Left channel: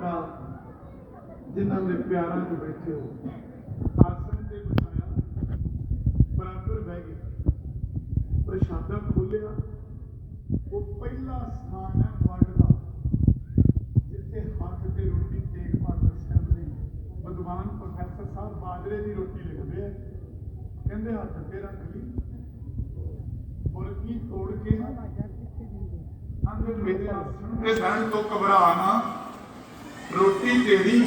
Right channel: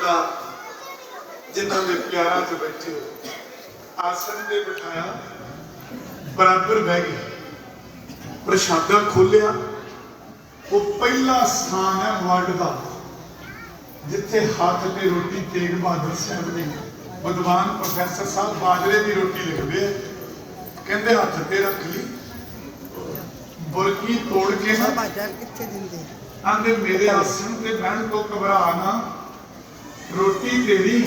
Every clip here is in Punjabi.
ਪਿਤਾ ਜਿਨ੍ਹਾਂ ਦੇ ਪਿਆਰਾਂ 'ਚ ਬੈਠੇ ਹੋ। ਆਸਣ ਤੇ ਬਿਠਾਇਆ ਬਰਾਬਰ ਬਹਿ ਗਏ। ਪ੍ਰਸ਼ਾਦਾ ਖੋਲਿਆ ਉਹ ਪਹਿਲਾ ਸਥਾਨ ਹੈ ਵਰਡ ਦਾ ਜਿੱਥੇ ਹੱਥ ਤੇ ਰੋਟੀ ਤੇਗ ਬਹਾਦਰ ਸਾਹਿਬ ਨੇ ਵਿਦਵਾਨ ਪ੍ਰੋਫੈਸਰ ਸਾਹਿਬ ਬਾਜਰੇ ਦੀ ਰੋਟੀ ਲਿਖਦੇ ਆ। ਕਹਿੰਦੇ ਹੱਥ ਤੇ ਰੱਖ ਲਈ। ਬੁਰਕੀ ਤੋੜ ਕੇ ਨਾ ਬਾਜ਼ਾਰ ਕਿੱਥੇ ਦਿੰਦੇ ਆਂਦੇ ਮੇਰੇ ਆਸਣ ਤੇ ਬਹਿਣ ਤੋਂ ਘਬਰਾ ਨਾ। ਰੋਟੀ ਤੇਰੀ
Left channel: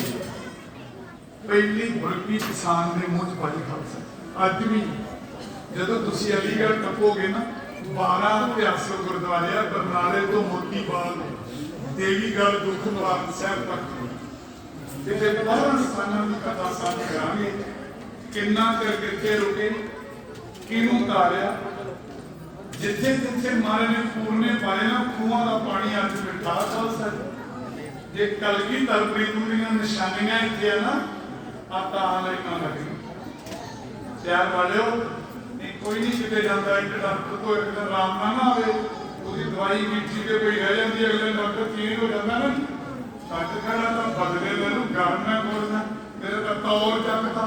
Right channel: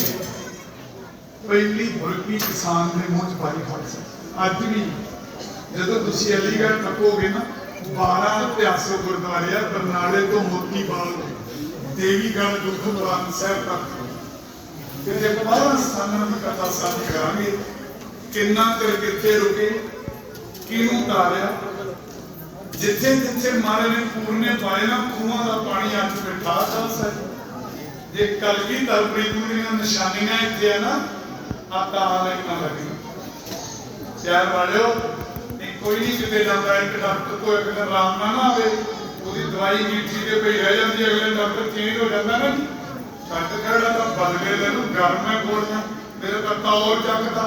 ਪਹਿਲੀ ਬੁਰਕੀ ਕਿਸਾਨ ਦੇ ਮੂੰਹ ਚ ਪਾਈ ਖਾਲਸਾ ਅੱਜ ਵੀ ਜਦੋਂ ਤੁਸੀਂ ਅਲੀਗੜ੍ਹ ਟੱਪੋਗੇ ਨਾ 12 ਇਤਿਹਾਸਕ ਗੁਰਦੁਆਰੇ ਆ ਬਰਨਾਲੇ ਤੋਂ ਮੋਤੀ ਬਾਗ ਦੇਵੀਗੜ੍ਹ ਦੁਖਵਾਨ ਸਾਹਿਬ ਤੱਕ ਕਿਤੇ ਬਾਹਰ ਸਥਾਨਾਂ ਦੀ ਕਥਾ ਸਾਂਝ ਕਰਾਂਗੇ ਕਿੰਨਾ ਚਿਰ ਕਿੱਥੇ ਰੁਕੇ, ਕਿਹਨੂੰ ਤਾਰਿਆ ਜਿੱਥੇ ਜਿੱਥੇ ਮਹਾਰਾਜ ਨੇ ਪੂਰਨੇ ਪਾਏ ਨਾ, ਖੂਹਾਂ ਦਾ ਪਾਣੀ ਅੱਜ ਮਿੱਠਾ ਖਾਲਸਾ ਹੈ। ਜੇ ਕਲਗੀ ਤਲਪਰੀ ਦੀਆਂ ਨਿਸ਼ਾਨੀਆਂ ਇੱਥੇ ਆ ਨਾ ਆ ਤਾਂ ਹਾਲੇ ਨਾ ਪਿਆਰ ਵਾਲਿਓ, ਨਹੀਂ, ਕੋਈ ਨਹੀਂ ਕਿਤੇ ਜਾਂਦਾ, ਇੱਕ ਡਾਕਟਰ ਤੋਂ ਇੱਕ ਦਿਨ ਆਰਾਮ ਨਾ ਆਵੇ। ਉਹਦੀ ਦਵਾਈ ਮੀਠੀ ਤੇ ਪਈ ਰਹਿ ਜਾਂਦੀ ਅਗਲੇ ਡਾਕਟਰ ਚੇਂਜ ਹੋ ਜਾਂਦਾ ਨਾ। ਛੱਡ ਖੜਾ ਤਾਂ ਬਦਲੇ ਲੈ ਨੂੰ ਗਰਮ ਹੈ ਕੋਲਣਾ ਮੇਰੇ ਤਾਂ ਤੌਰ ਚੱਕਦਾ।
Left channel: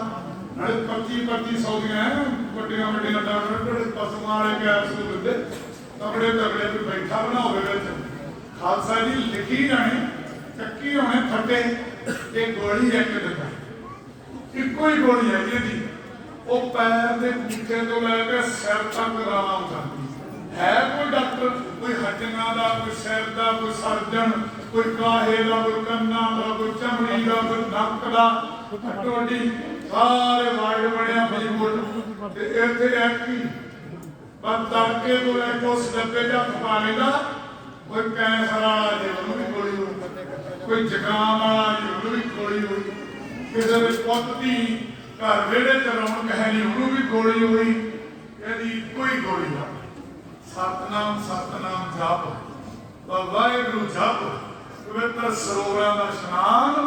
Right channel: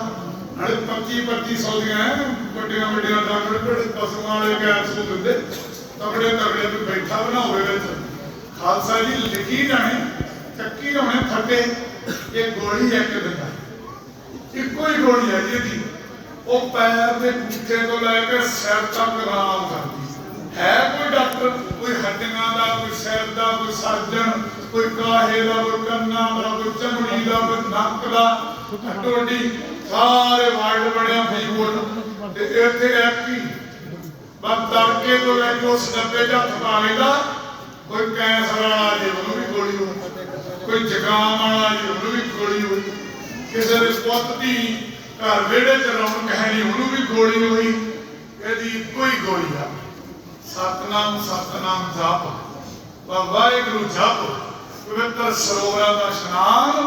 ਨਾਲੇ 25 2500 ਦੀਆਂ ਵੱਡੀਆਂ ਵੱਡੀਆਂ ਡਾਕਟਰ, ਜਿਹੜੇ ਪਸ਼ੂਆਂ ਵਾਲੇ ਕੈਪਸੂਲ ਦਿੰਦੇ ਤਗੜੇ ਤਗੜੇ ਤੇ ਬੈਠਾ ਬਣਾ ਵਿੱਚ। ਖਾਲਸਾ ਜੀ, ਲਿਖੀ ਜਾਣੇ। ਚੱਕੀ ਜਾਣੇ ਥੱਡੇ ਇਹ ਗੋਲੀ ਇੱਕ ਦਿੰਦਾ ਇੱਕੋ ਹੀ ਗੋਲੀ ਹੈ ਜੀ ਉਹ ਪੈਰ ਦੇ ਪੁੱਠੇ ਤੋਂ ਲੈ ਕੇ ਸਿਰ ਤੱਕ ਆਰਾਮ ਕਰਦੀ ਹੈ ਕੋਈ ਡਾਕਟਰ, ਕੋਈ ਹੱਡੀਆਂ ਦਾ, ਕੋਈ ਸਿਰ ਦਾ, ਕੋਈ ਸਰਜਨ, ਕੋਈ ਕਾਹੇ ਦਾ, ਕੋਈ ਕੰਨਾਂ ਦਾ, ਕੋਈ ਚਮੜੀ ਦਾ, ਕੋਈ ਨੱਕ ਦਾ, ਟੋਡੀ, ਸਾਰੇ ਵਾਰਡ ਬਣਿਆ ਫਰੀਦਕੋਟ ਤੇ ਇੱਥੇ ਇੱਕ ਬਸ ਤੜਕੇ ਤੋਂ ਲੈ ਕੇ ਉਸ ਡੱਬੇ 'ਚ ਹੱਥ ਪਾ ਲੈਂਦਾ ਕੋਈ ਕੈਂਸਰ ਵਾਲਾ ਜੀ ਉਹਨੂੰ ਵੀ ਗੋਲੀ ਹੋਈ ਕੋਈ ਜ਼ੁਕਾਮ ਵਾਲਾ ਜੀ ਉਹਨੂੰ ਵੀ ਗੋਲੀ ਹੋਈ। ਕਿਸੇ ਦੇ ਪੁੱਤ ਦੀ ਘਰ ਵਿਹੜੇ 'ਚ ਰੌਣਕ ਹੈ ਨਹੀਂ ਉਹਨੂੰ ਵੀ ਗੋਲੀ ਹੋਈ। ਇਹਦੀ ਕੋਈ ਗੋਲੀ ਆ। ਸਤਨਾਮ ਸਤਨਾਮ ਜਪ। ਵਾਹਿਗੁਰੂ ਜਪ। ਪਵਿੱਤਰ ਸਰੋਵਰਾਂ ਦਾ ਇਸ਼ਨਾਨ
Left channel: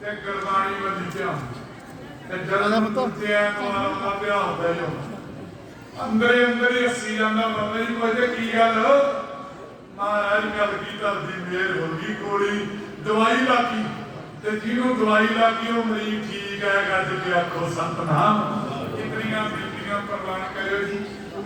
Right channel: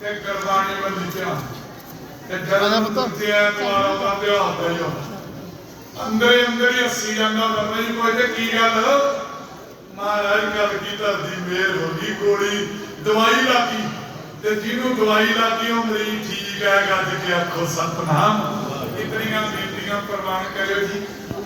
ਤੇ ਗੁਰਬਾਣੀ ਵੱਲ ਧਿਆਨ ਤੇ ਜਨਮ ਤੇ ਐਤਵਾਰ ਦਾ ਵਿਆਹ ਦਾ ਹੀ ਹੁੰਦਾ। ਅੰਦਰੇ ਅੰਦਰ ਹੱਸੀ ਜਾਂਦਾ ਬਾਬਾ ਜੀ ਕੋਈ ਤੇ ਕੀ ਗੱਲ? ਮਹਾਰਾਜ ਗੱਲ ਕੀ ਧਰਦੀ ਮੇਰ ਹੋ ਗਈ ਗੋਲੀ। ਦਵਾਈ ਲੱਗੀ ਤੇ ਜਿਹਨੂੰ ਦਵਾਈ ਲਾਤੀ, ਉਹ ਮਰੀਜ਼ ਠੀਕ ਹੈ, ਗੱਜ ਕੇ ਆਖੋ, ਸਤਨਾਮ। ਇਤਨੀਆਂ ਬੇਨਤੀਆਂ ਪ੍ਰਵਾਨ ਕਰਿਓ ਜੀ।